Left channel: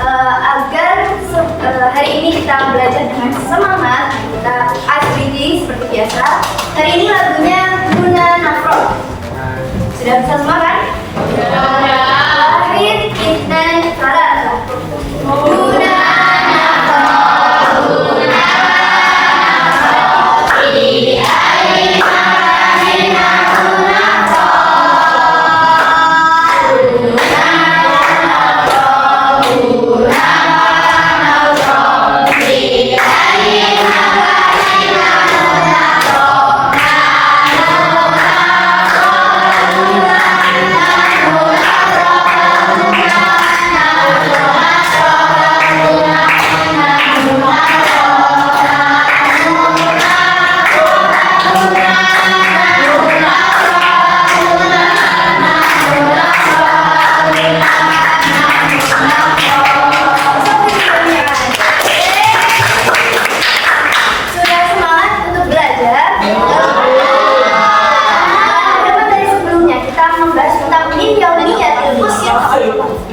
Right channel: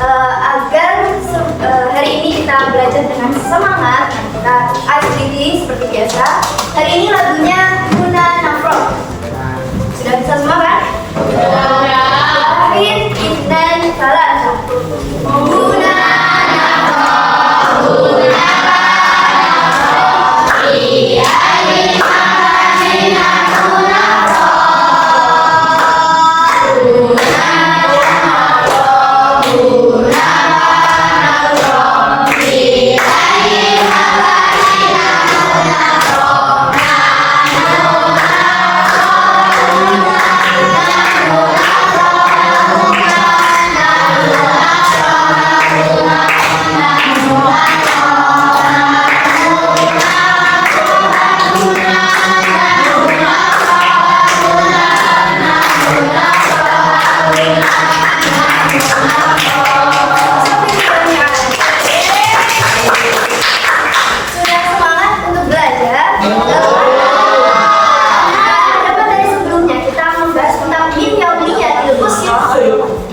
agar hari ini kita belajar dengan semangat, kita aktivitas seperti biasa. Hari ini lagunya Guna Nafro. Sudah bisa semua kan? Wahid, dan salah. Guna Nafro, Guna Nafro, Iya Guna Nafro,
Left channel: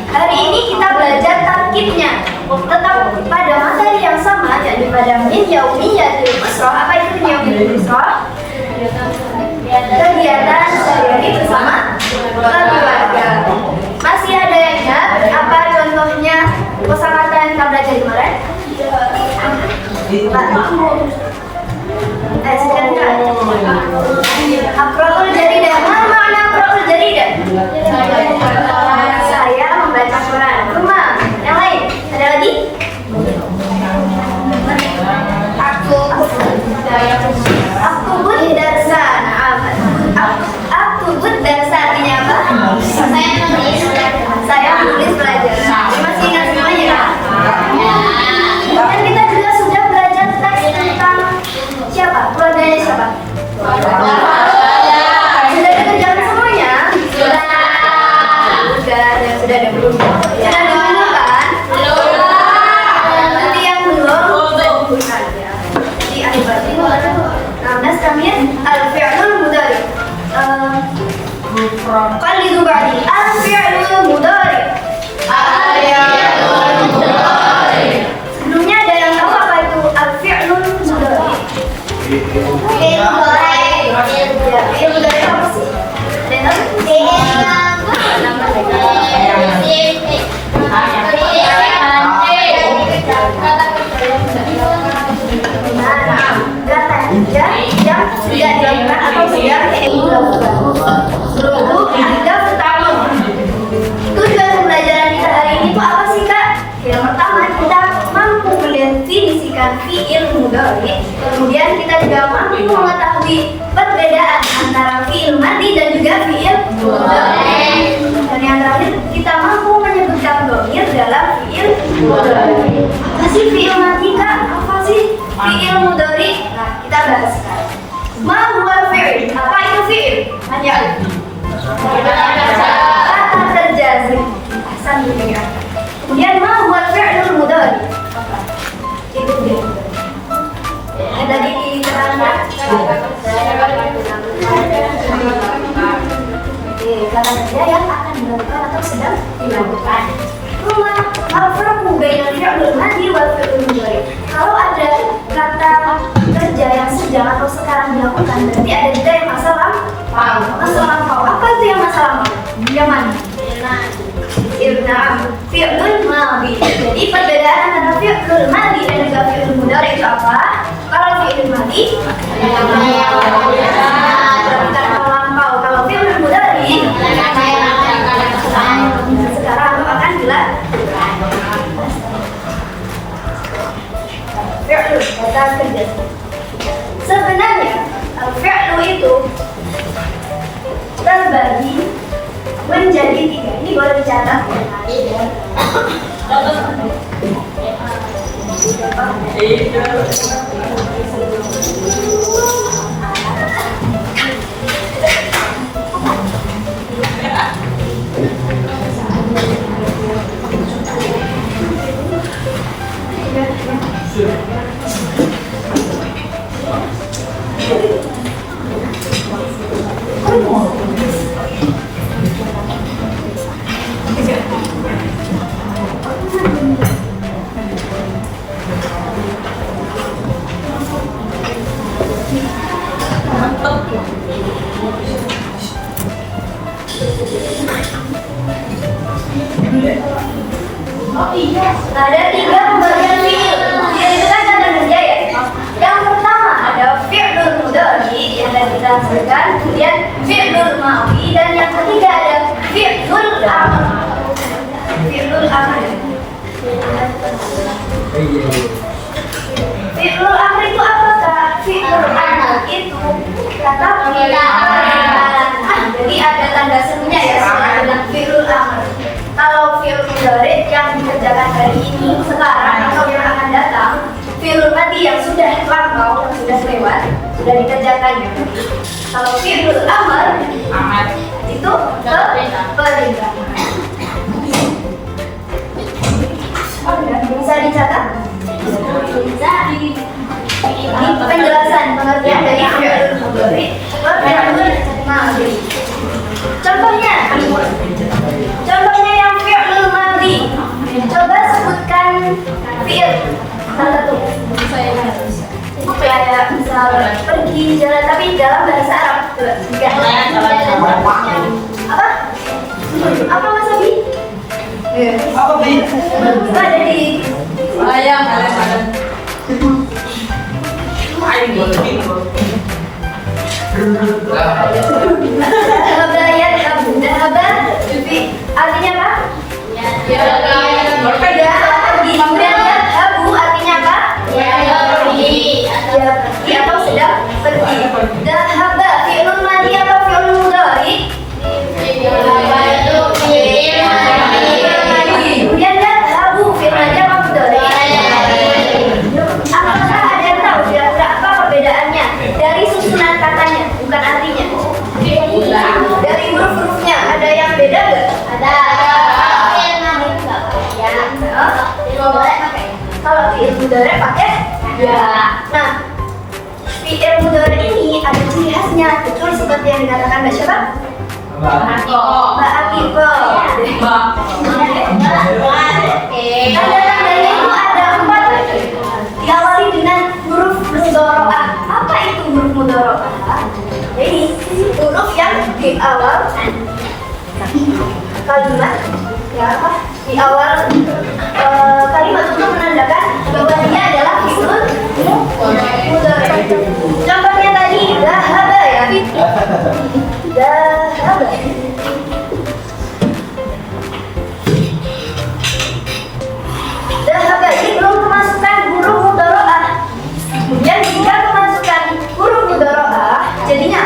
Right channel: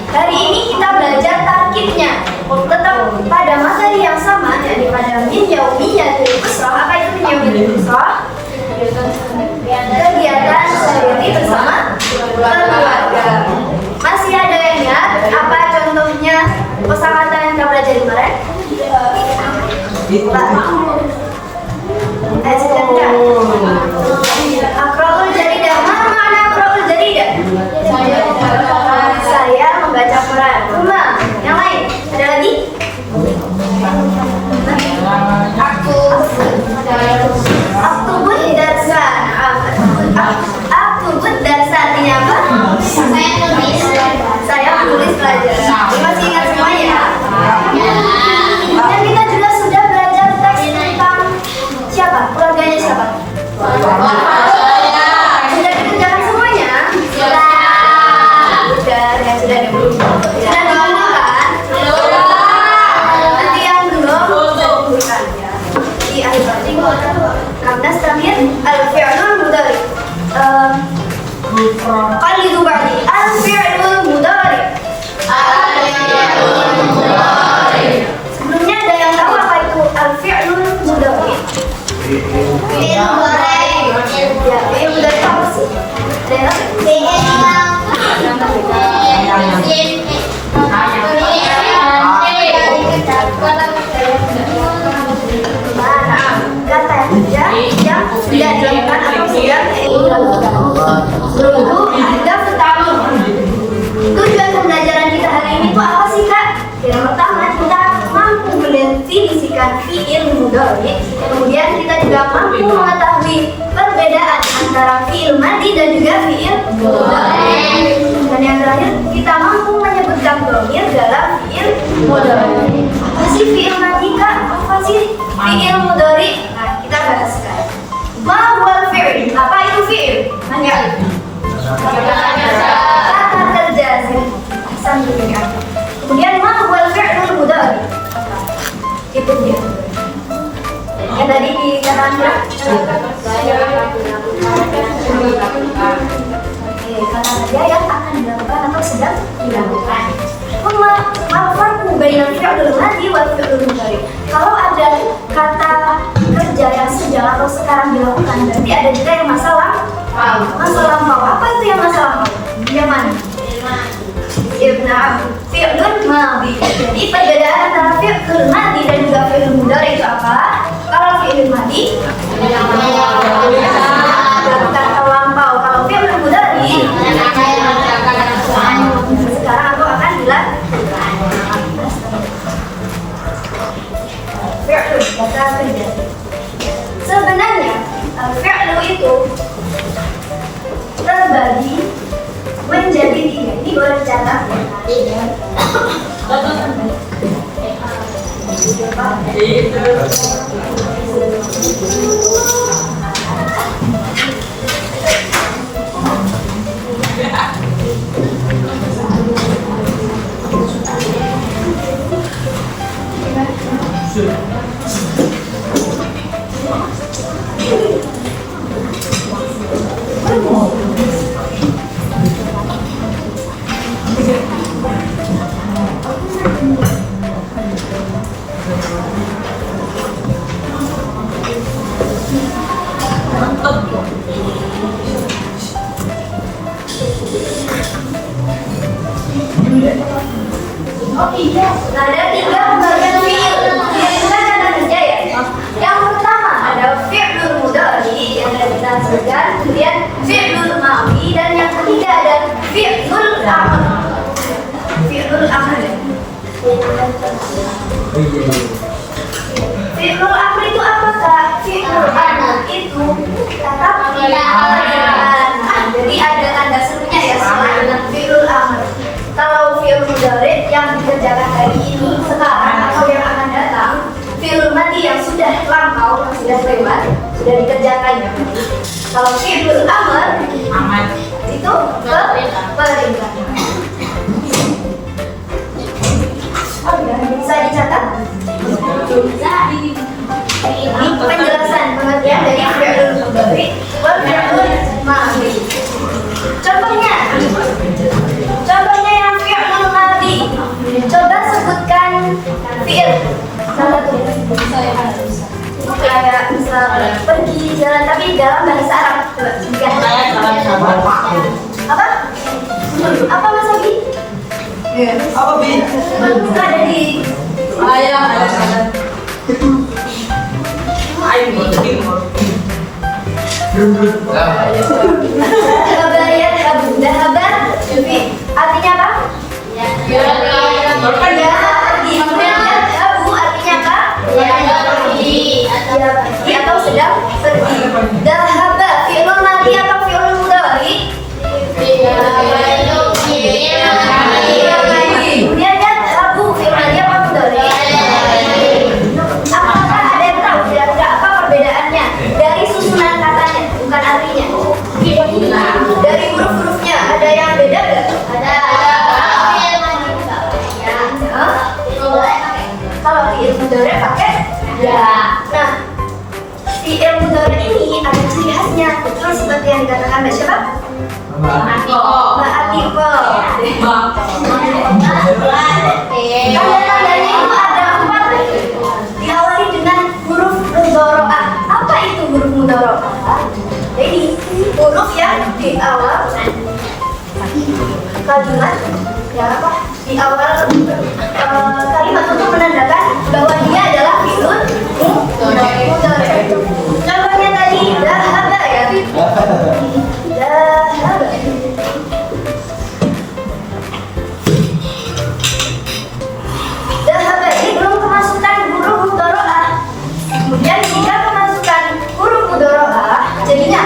hari ini kita belajar tarkibnya. Tetap pada materi yang sama, jadi pada min yaumiyatil usrah. Apa itu min yaumiyatil usrah? Kegiatan sehari-hari bersama keluarga. Masih ada yang ingat apa contohnya kosakata yang kita belajar kemarin? Akra'ul jaridah. Mana makna akra'ul jaridah? Saya membaca Quran. Kemang. Yang lain? Ada lagi? Aktubut darsa. Aktubut darsa artinya apa? Saya menulis pelajaran. Masih ingat semuanya? Dan kita juga sudah belajar teks tentang siapa? Keluarganya siapa? Sudah dikerjakan semuanya? Sudah ada belum? Sudah digunakan? Nanti yang belum di akhir berarti. Nah, sekarang al-fi'lul mudhari. Qalidu ba'di al-fi'lul mudhari. Sebelumnya ada yang tahu apa itu al-fi'lul mudhari? Fi'il mudhari. Ya, fi'il mudhari apa sih? Ada yang tahu? Kata kerja yang sudah dilakukan atau sudah dilakukan. Sebelum itu ada pertama. Tujuan pembelajaran kita hari ini itu apa sih, Kak? Yang pertama, kita mampu mendefinisikan fi'il mudhari. Kemudian kita juga mampu mengetahui perbedaan antara fi'il madhi dan juga fi'il mudhari. Dan yang terakhir, kita mampu menyebutkan dhamir dalam fi'il mudhari. Apa sih fi'il madhi, Kak? Apa sih fi'il mudhari? Nah, kita bahas sekarang. Ma huwa fi'il? Apa itu fi'il? Hanya kata kerja. Ahsan juga ya. Kemudian ma huwa fi'lul mudhari? Itu dia. Yang tadi dikatakan kata kerja yang akan dilakukan atau sedang dilakukan. Al-farqu bainal fi'lil madhi wal fi'lil mudhari. Kalau ada kata kerja yang sedang atau sekarang dilakukan, berarti ada juga yang masa lampau. Apa itu yang masa lampau? Yang mana? Fi'lul madhi. Jadi perbedaan antara fi'lul madhi dan juga fi'lul mudhari itu apa? Kalau fi'lul madhi dilakukan atau lampau. Kalau fi'lul mudhari sekarang atau akan dilakukan. Fi'lu kata kerja. Sebenarnya fi'lu itu terbagi menjadi 3. Ini boleh dicatat. Nah, ada 3 pembagian fi'il. Fi'il itu kan kata kerja ya. Yang pertama ada fi'lul mudhari yang tadi kita sebutkan, kemudian fi'lul madhi, dan yang ketiga ada fi'lul amr. Fi'lul amr. Fi'lul amr itu apa, Kak? Fi'lul amr itu kata perintah. Jadi ada tanda serunya ya setelah dengan fi'lul amr. Kalau fi'il mudhari yang dikerjakan hari ini, sekarang atau yang akan datang, fi'il madhi yang sudah lampau, yang sudah lewat, sudah dikerjakan. Kalau fi'il amr itu perintah. Bisa dicatat? Bisa. Ini penjelasan pengertian dari fi'il mudhari ke fi'il madhi. Contohnya yang fi'il madhi. Coba sebutkan fi'il salah satu. Kayak misal pergi jalan, tapi dalam bahasa Arab. Apa? Apa Mas Abi? Apa Bi? Ada di Ayam. Dahabayat Abu. Dahabat artinya apa? Ya, pergi. Kemudian Abu artinya apa? Ya, pergi atau sedang pergi. Dahaba fi'lul madhi apa fi'lul mudhari? Kemudian Abu fi'lul madhi apa mudhari? Apakah ada yang tahu kira-kira apa perbedaannya dari susunan katanya, bukan artinya? Dari huruf-hurufnya ada yang beda nggak? Ada. Kalau fi'il mudhari pakai ya. Nah, fi'il mudhari ini ada ciri khasnya, betul seperti yang dikatakan Mbak siapa? Mbak Atiko. Tanda-tandanya itu ada 4. Diawali dengan huruf mudhari'ah. Apa itu huruf mudhari'ah? Jadi huruf yang di awal kalimat, ya apa? Di awal kalimat untuk menandakan bahwa dia adalah fi'lul mudhari'. Contohnya tadi dhahaba ya. Dhahaba. Dhahaba ini belum kemasukan huruf mudhari'ah. Kemudian jika kemasukan huruf mudhari'ah, jadinya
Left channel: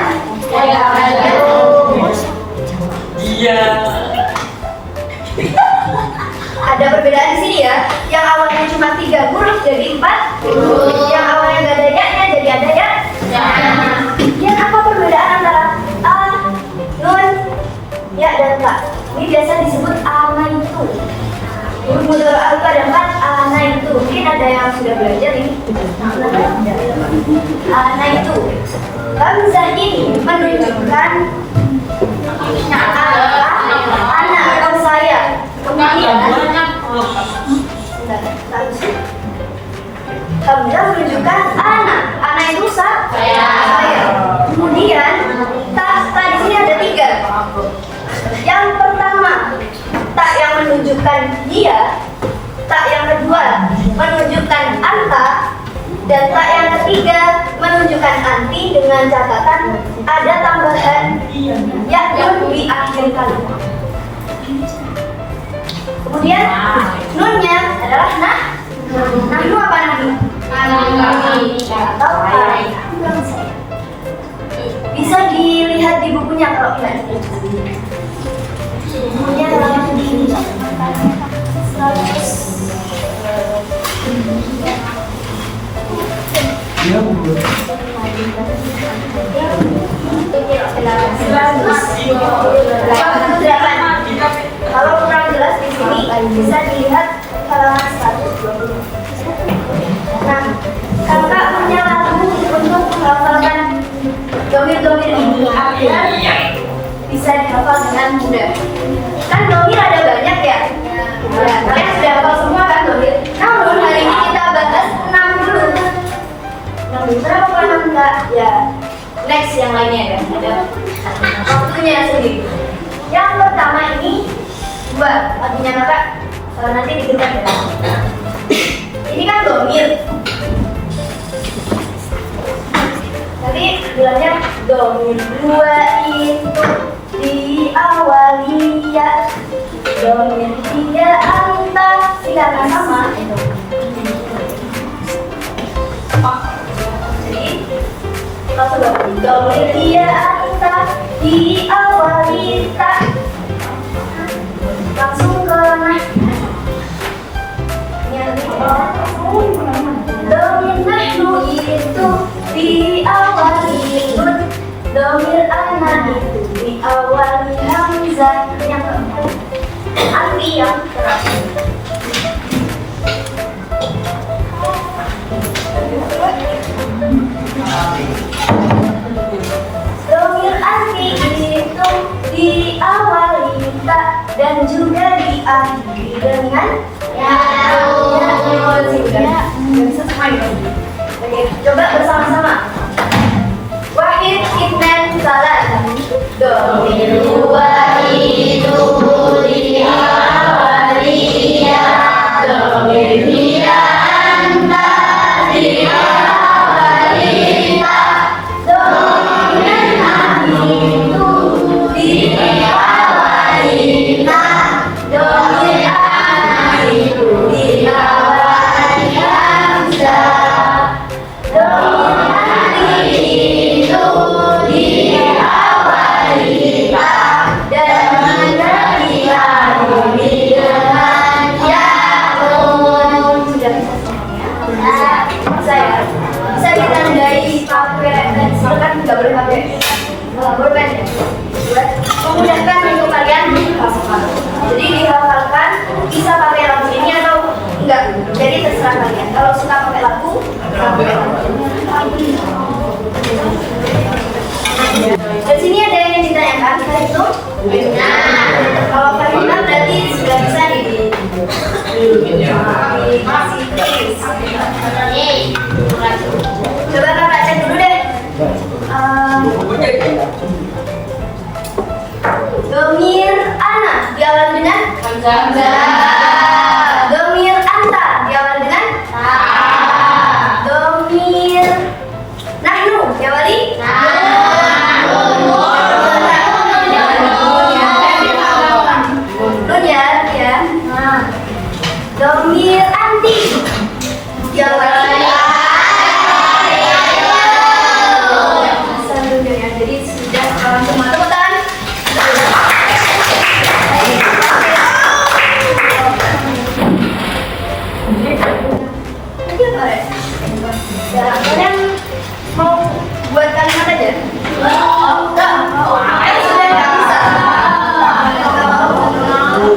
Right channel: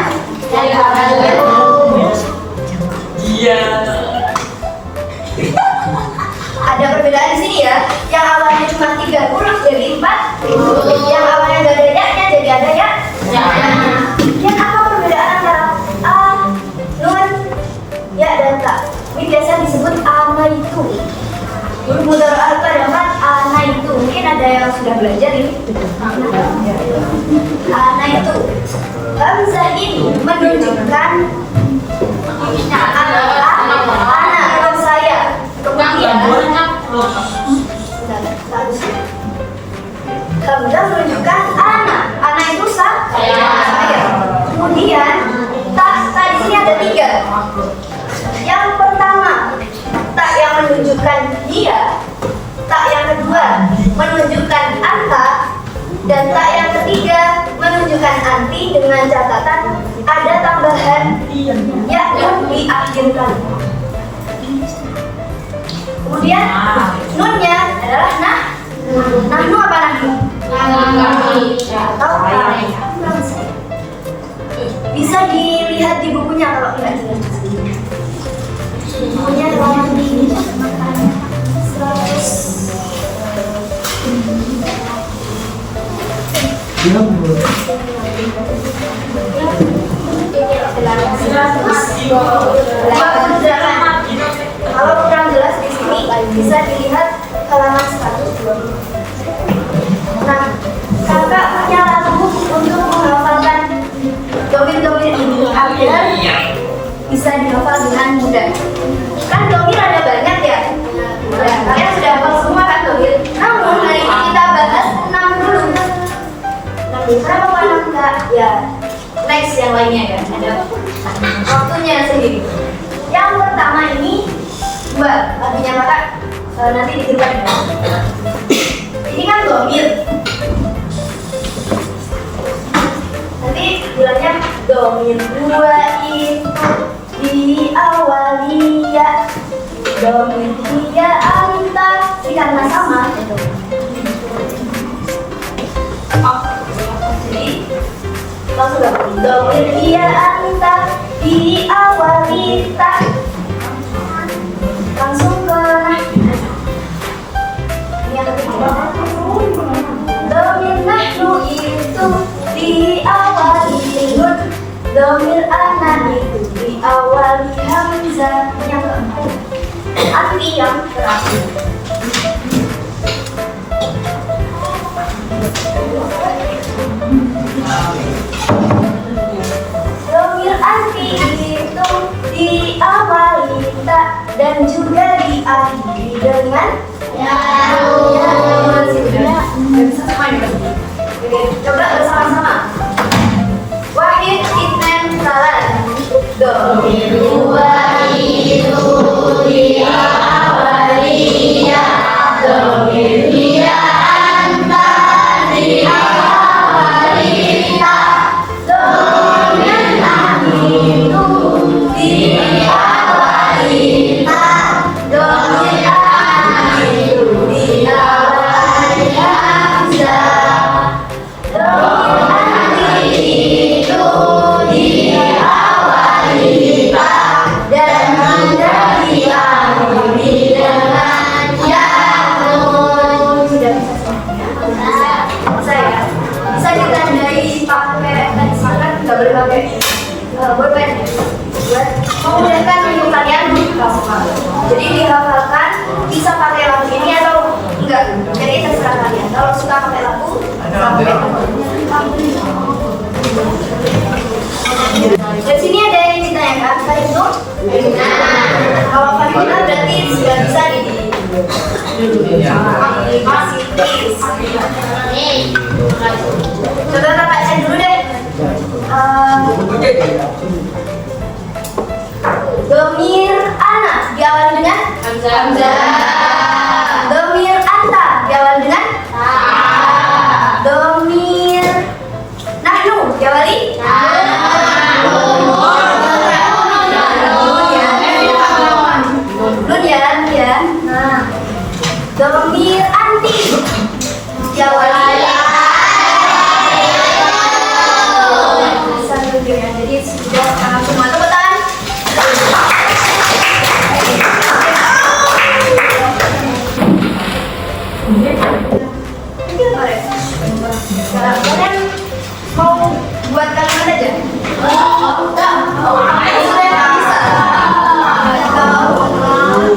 Iya. ada perbedaan di sini ya. Yang awalnya cuma 3 huruf jadi 4 huruf. Yang awalnya nggak ada ya-nya jadi ada ya. Yang apa perbedaan antara a, nun, ya dan ta? Ini biasa disebut anaitu. Huruf mudhari'ah itu ada 4, anaitu. Mungkin ada yang sudah belajar ini. Anaitu. Hamzah ini menunjukkan anak atau saya. Kemudian Hamzah menunjukkan anak itu saya. Kemudian ta di sini ada 3. Yang pertama ta yang menunjukkan dia, ta yang kedua menunjukkan anta, dan ta yang ketiga menunjukkan anti dengan catatan ada tambahan ya nun di akhir kalimat. Kemudian nunnya adalah nahnu apa nahnu? Atau bisa dilihat di bukunya kalau tidak jelas. Bukunya halaman di 128. Kalau kurang jelas di sini bisa dilihat halaman 120. Nah, kakak punya lagu untuk menghafalkan domir-domir ini agar bisa dihafal dengan mudah. Kan domir ada banyak ya. Ya, kalian sudah hafal semua kan domir. Namun hari ini kita bahas 60. Berapa kalau enggak? Ya, next yang lainnya ya. Ada waktunya sendiri. Yang pertama ini Mbak, artinya kakak nanti domir. Ini kan domir. Tapi bilangnya domir dua itu diawali ya. Domir tiga anta. Ini karena sama itu. Jadi kalau sudah domir dia anta diawali tak, langsung ke yang kedua. Domir nahnu itu diawali nun, domir ana itu diawali hamzah. Yang keempat anti yang terakhir. Domir anti itu diawali tak dan juga diakhiri dengan ya. Bisa sama ini. Oke, coba bersama-sama. Wahid, itnan, salat. Domir dua itu diawali ya. Domir tiga anta diawali tak. Domir nahnu itu diawali tak. Domir ana itu diawali hamzah. Domir anti itu diawali tak dan juga diakhiri dengan ya nun. Sudah bisa semuanya? Bisa ya? Bisa ditandai pakai dan silakan nggak boleh pakai bolpen ya, buat memudahkan untuk kalian menghafalkan. Jadi dihafalkan bisa pakai lagu ini atau enggak, jadi terserah kalian. Kalau suka pakai lagu, pakai lagu. Di sini ada yang ditanyakan, Pak itu? Benar. Kalau Pak benar berarti sudah bisa dikasih tips. Coba kakak cek dulu deh. Domir ana diawali dengan hamzah. Domir anta diawali dengan ta. Domir nahnu diawali ya. Nah, domir anti diawali ya. Jadi sudah semua tepuk tangan. Sekarang kalian mau buat kalimat aja? Enggak.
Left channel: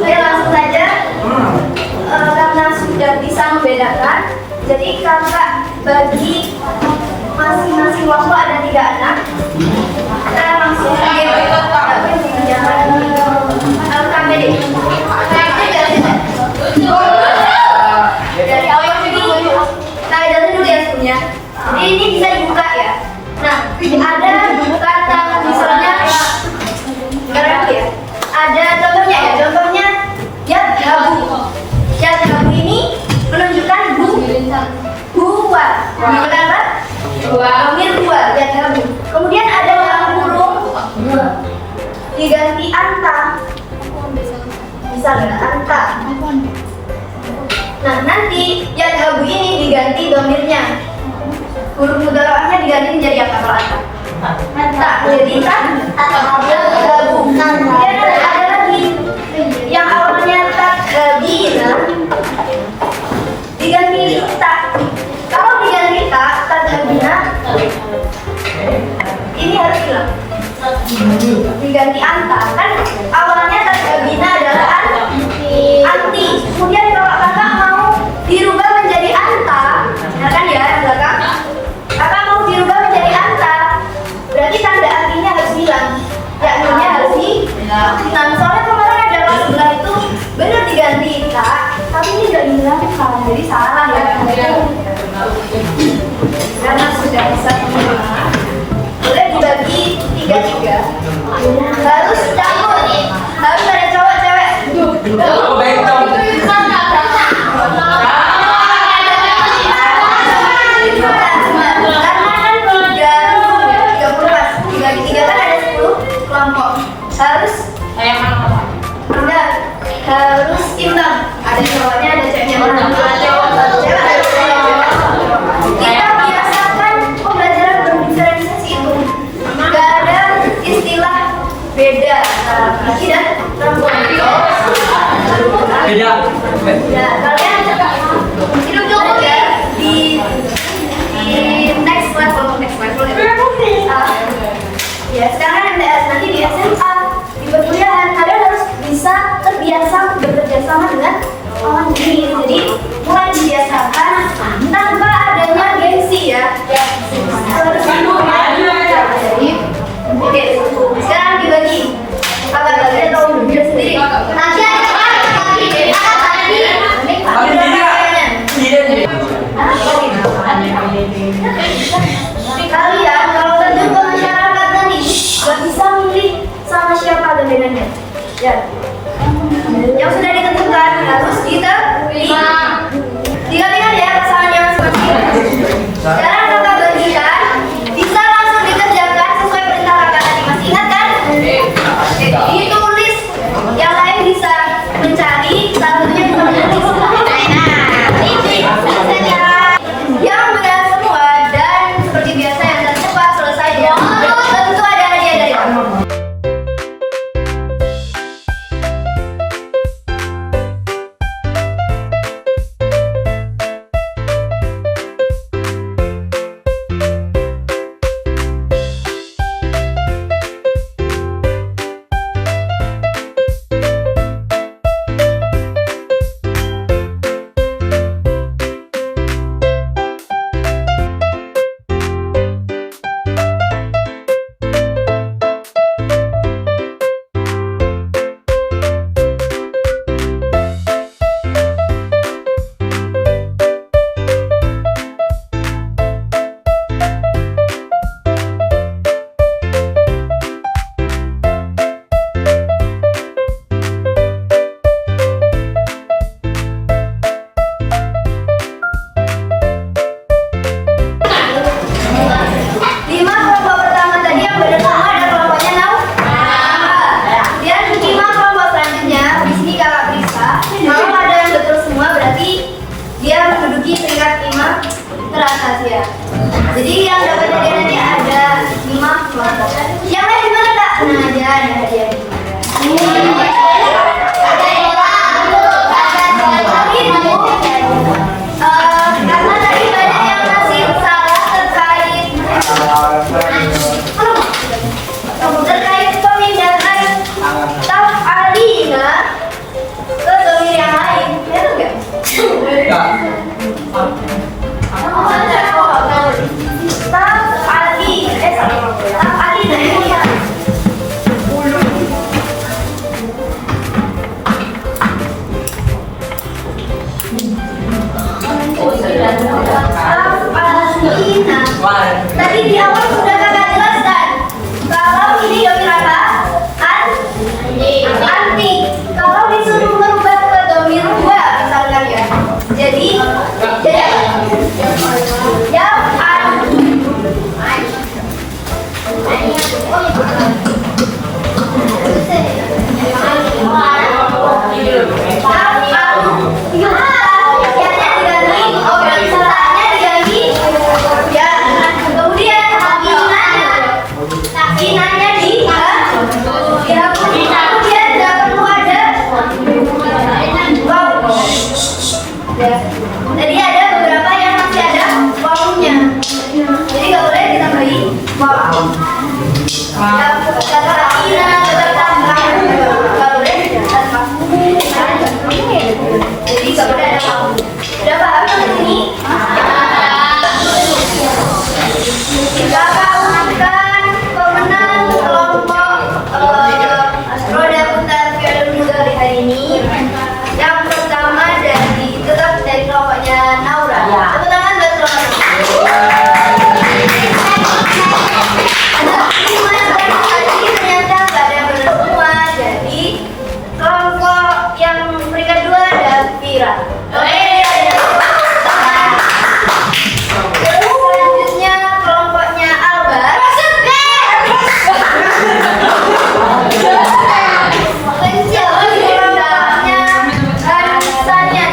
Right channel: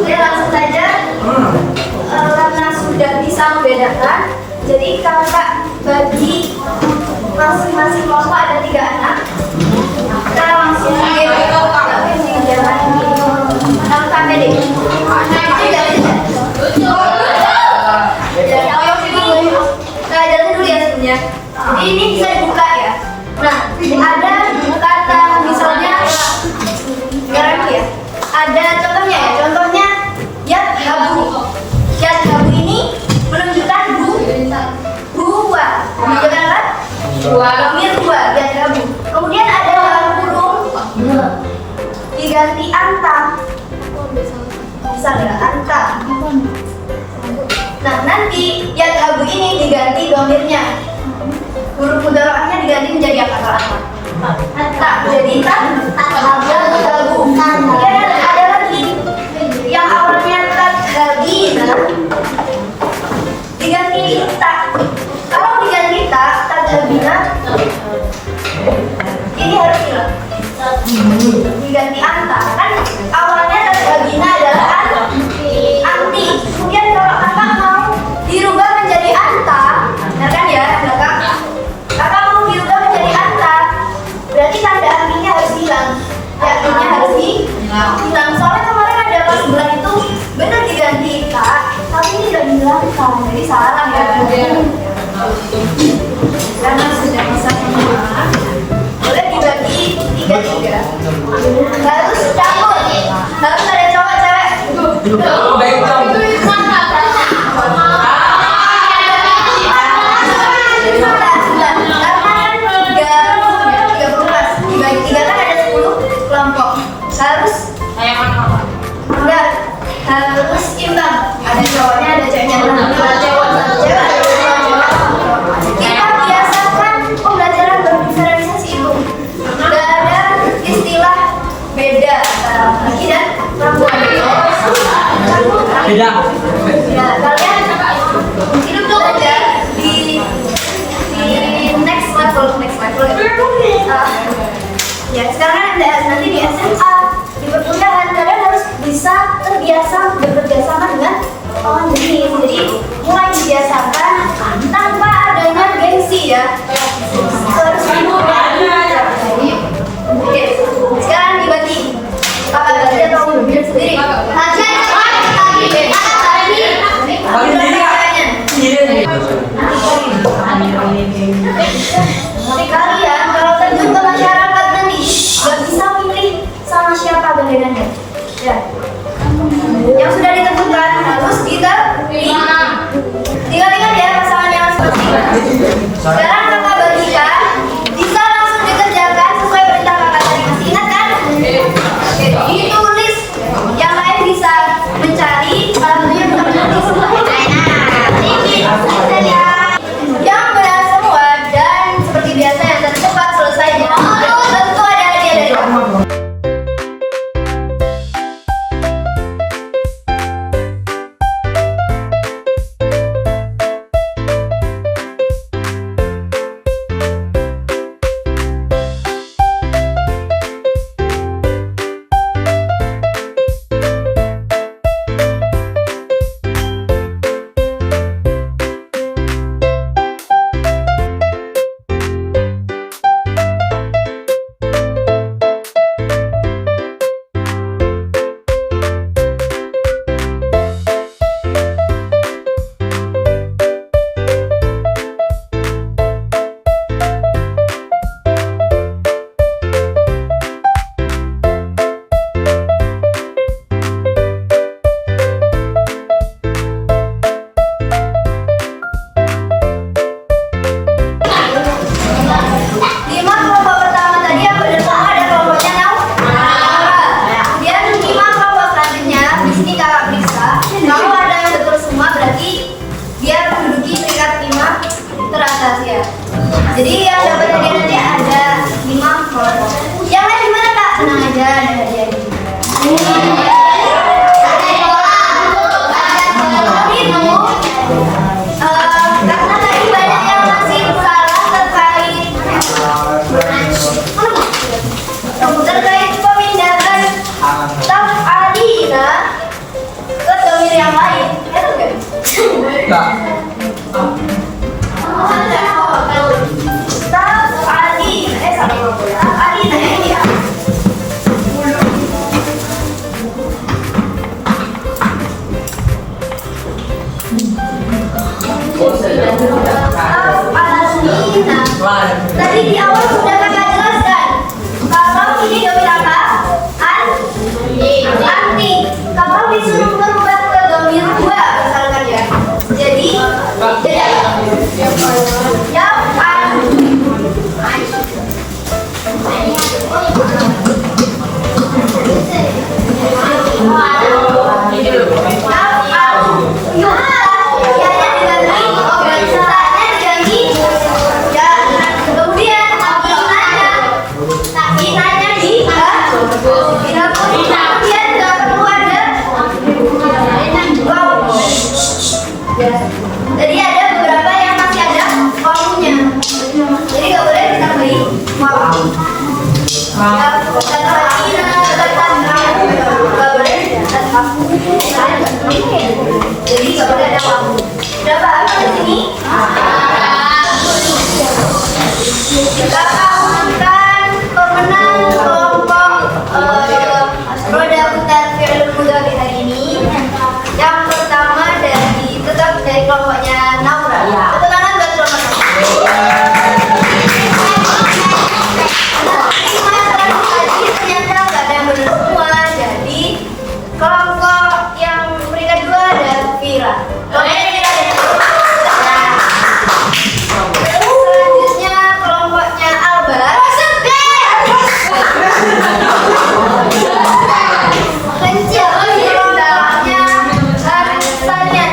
Saya langsung saja karena sudah bisa membedakan. Jadi kakak bagi masing-masing waktu ada 3 anak. Kita langsung jangan sampai deh. Dari awal ini kita jelasin dulu ya sebenarnya. Jadi ini bisa dibuka ya. Nah, ada kata misalnya sekarang ya. Ada contohnya ya. Contohnya yadhabu. Yadhabu ini menunjukkan dua. Menunjukkan apa? Domir dua. Yadhabu. Kemudian ada dalam kurung diganti anta. Bisa nggak anta? Nah, nanti yadhabu ini diganti domirnya. Huruf mudhari'ahnya diganti menjadi apa kalau anta? Tak menjadi tak. Yadhabu. Kemudian ada lagi yang awalnya tadhabina diganti tak. Kalau diganti tak, tadhabina ini harus hilang. Diganti anta. Kan awalnya tadhabina adalah anti. Kemudian kalau kakak mau dirubah menjadi anta, nah kan ya yang belakang. Kakak mau dirubah menjadi anta, berarti tanda antinya harus hilang. Ya, artinya harus hilang. yang sudah ditentukan harus diterima. Tinggal ya pasangan yang seperti ini. Sekarang kakak bagikan, bisa langsung dikerjakan sesuai perintah kakak tadi. Masih ingat kan? Jadi tulis, yang lain bisa mencari, salah satunya bisa menulis. Yang benar semua dan seperti biasa yang tercepat selesainya. Tentu ada hadiah dari kamu. Ya. Jadi yang dapat hadiah nanti ada 5 kelompok. Yang lain gimana kak? Tenang aja, ada hadiah juga. Karena tadi banyak yang masih salah terkait pemindahan taf'alina ke domir yang lain. Itu enggak? Tadi di awal sudah kakak jelaskan kalau ini domir apa? Anti. Kalau disuruh merubah ke domir 2 misalkan ya. Jadi yang jadi ada beberapa yang masih ada waktunya. Jadi nggak boleh ditambahi waktu. Kata lagi nggak boleh dan waktu. Jadi nggak boleh ada waktu. Udah paham di sini? Kakak umumkan pemenang kelompok roda putar fi'il mudhari hari ini. Yang pertama dari kelompoknya Naura. Tepuk tangan buat kelompok Naura. Tadi ternyata nggak ada yang benar semua. Jadi kelompok yang peringkat 2 ada Vira. Selanjutnya kelompoknya Albar. Kecil kelompoknya Harisanya.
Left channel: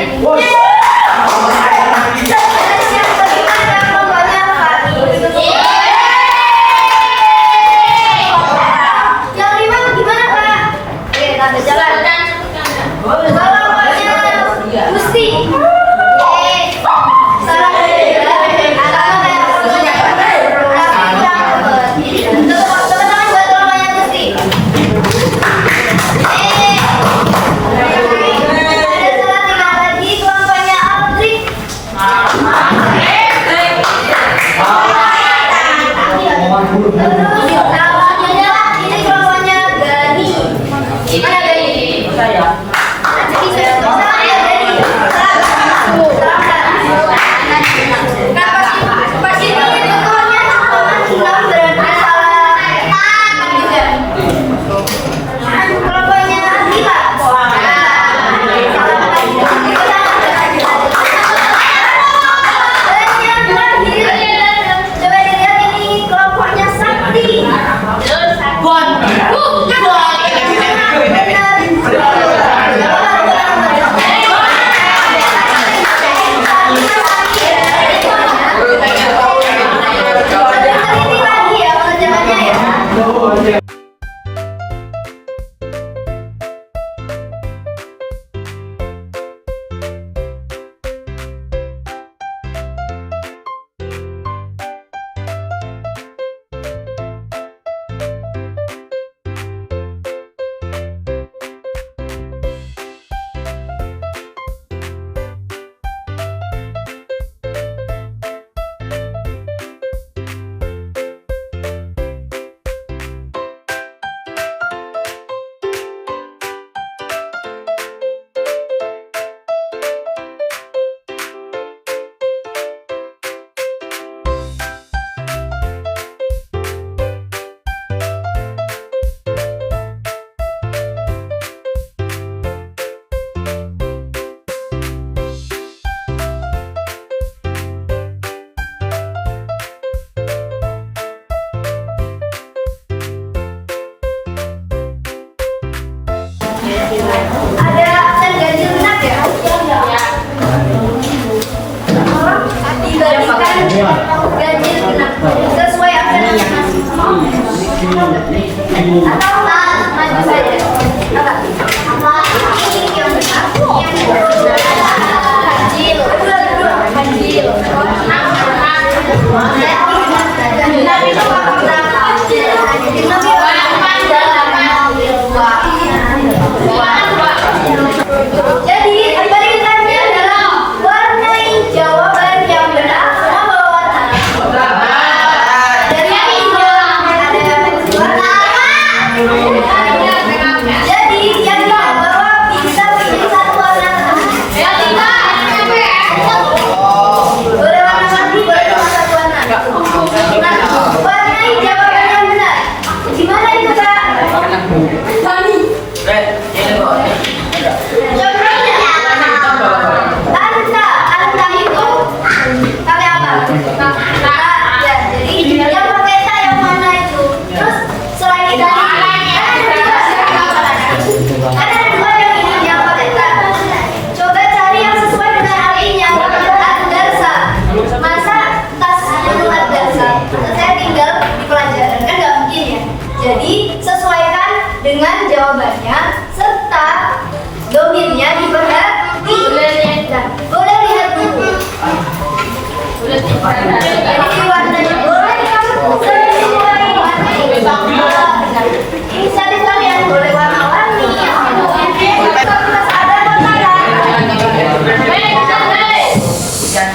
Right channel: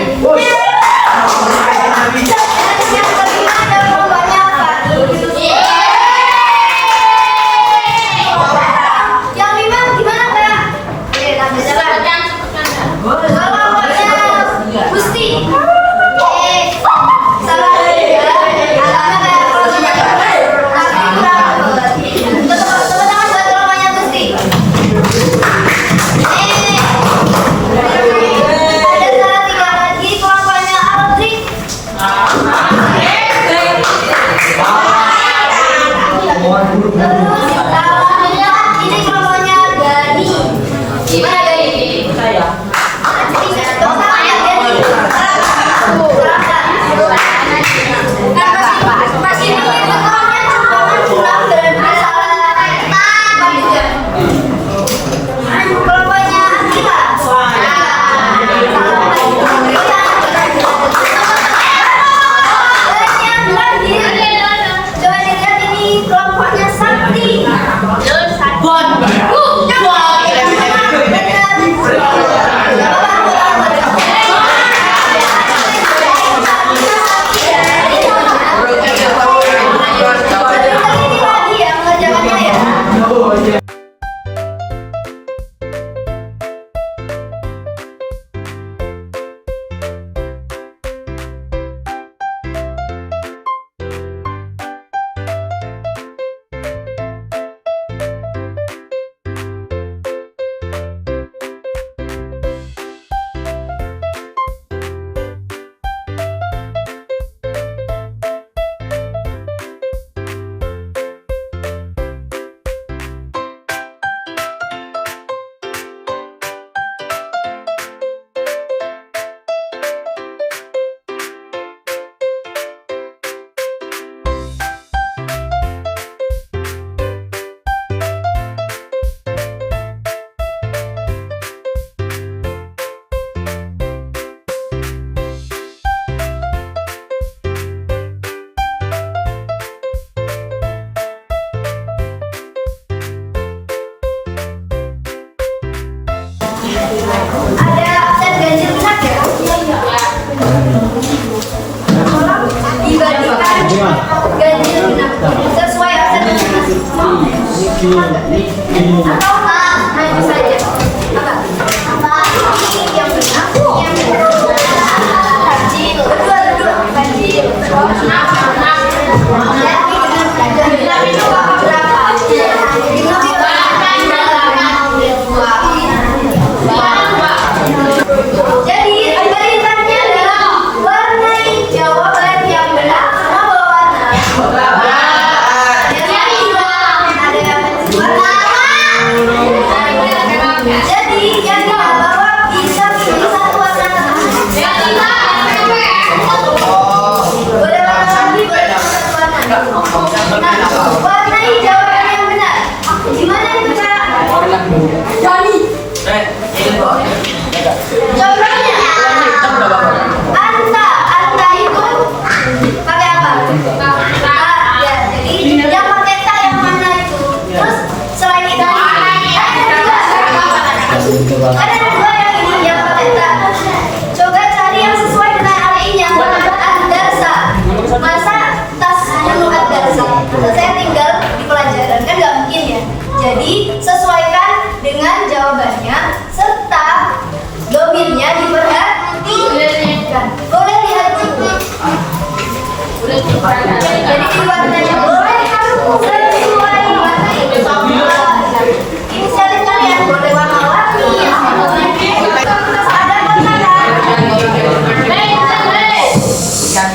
Terima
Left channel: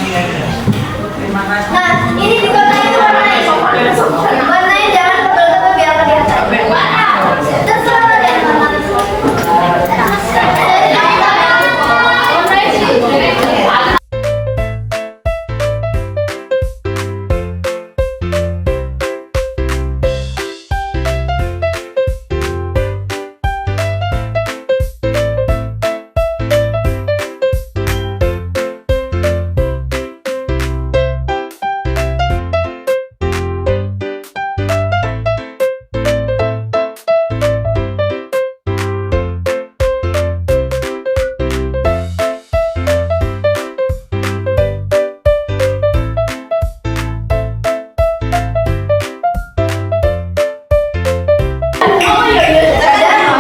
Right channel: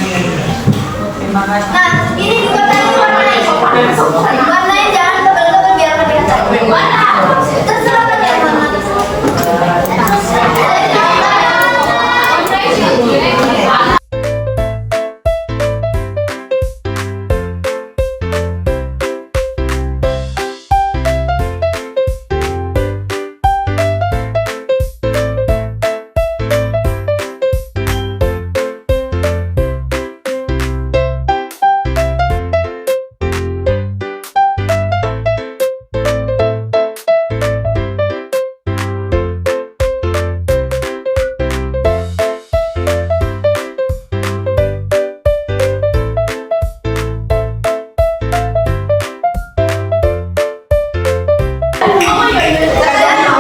kasih. Nah, ini di kota ini warnanya. Warnanya jangan tebel-tebel biar pakai kaca. Warna. Terserah kalian warna.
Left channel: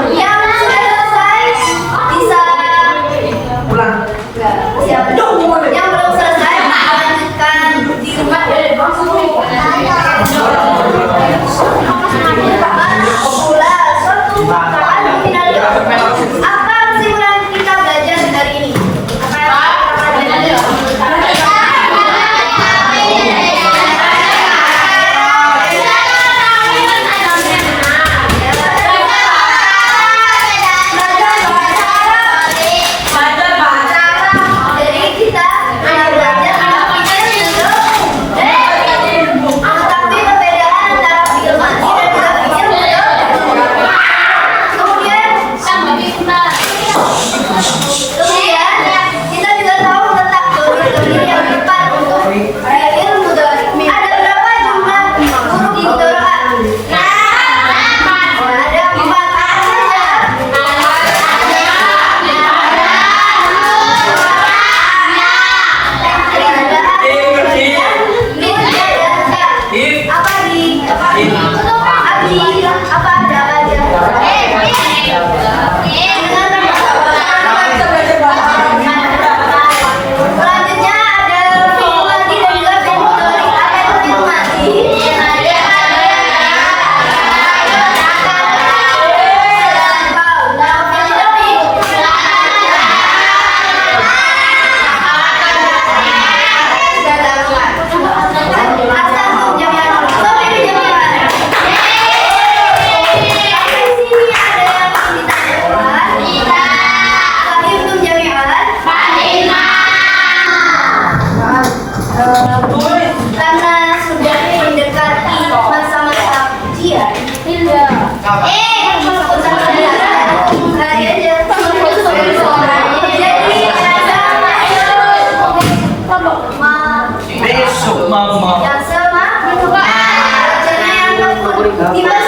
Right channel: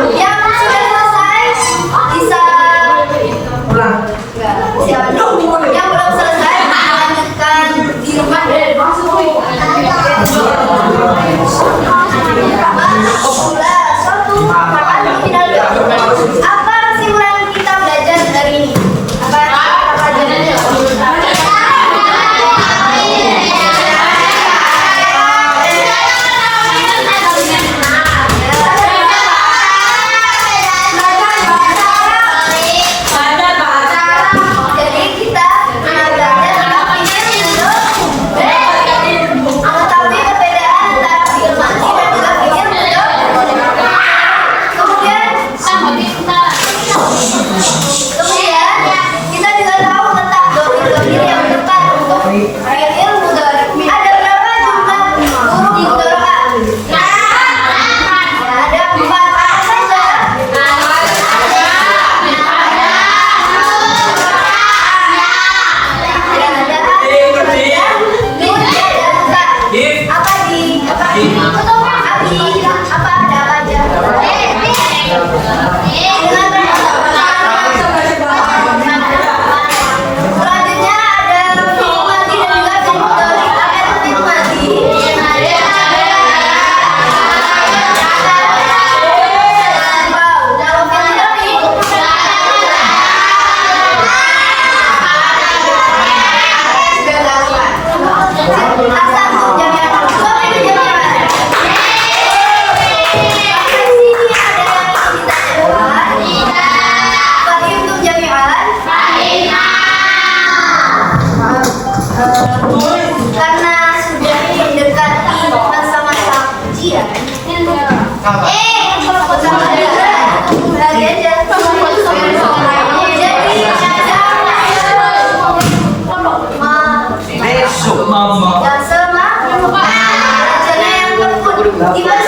Yang sudah selesai bisa Pulang. siapa? Yang belum selesai lanjutkan di rumah. Pula suatu perkataan final. Apa kesimpulan kita belajar dari ini? Apa yang kita pelajari? Jadi kita belajar tentang pikir mengetahui perbedaan antara afirmasi dan juga pikir betul. Kemudian kita juga tahu tentang domir yang tepat untuk fikir mudhari. Ada berapa jumlah huruf mudhari? Ada 4 saja. Apa di apa ada aja? Selanjutnya ada fi'il madhi dan juga fi'il mudhari. Apa itu fi'il madhi? Kalau fi'il mudhari asal jami'an. Sampai di jami'an. Sampai sini ada yang ditanyakan. Fahimtum jami'an? Karena sudah mendekati masa-masa ujian. Hari aja. Jadi Besok mama. yang sama, bacanya yang lembut. Di bahasa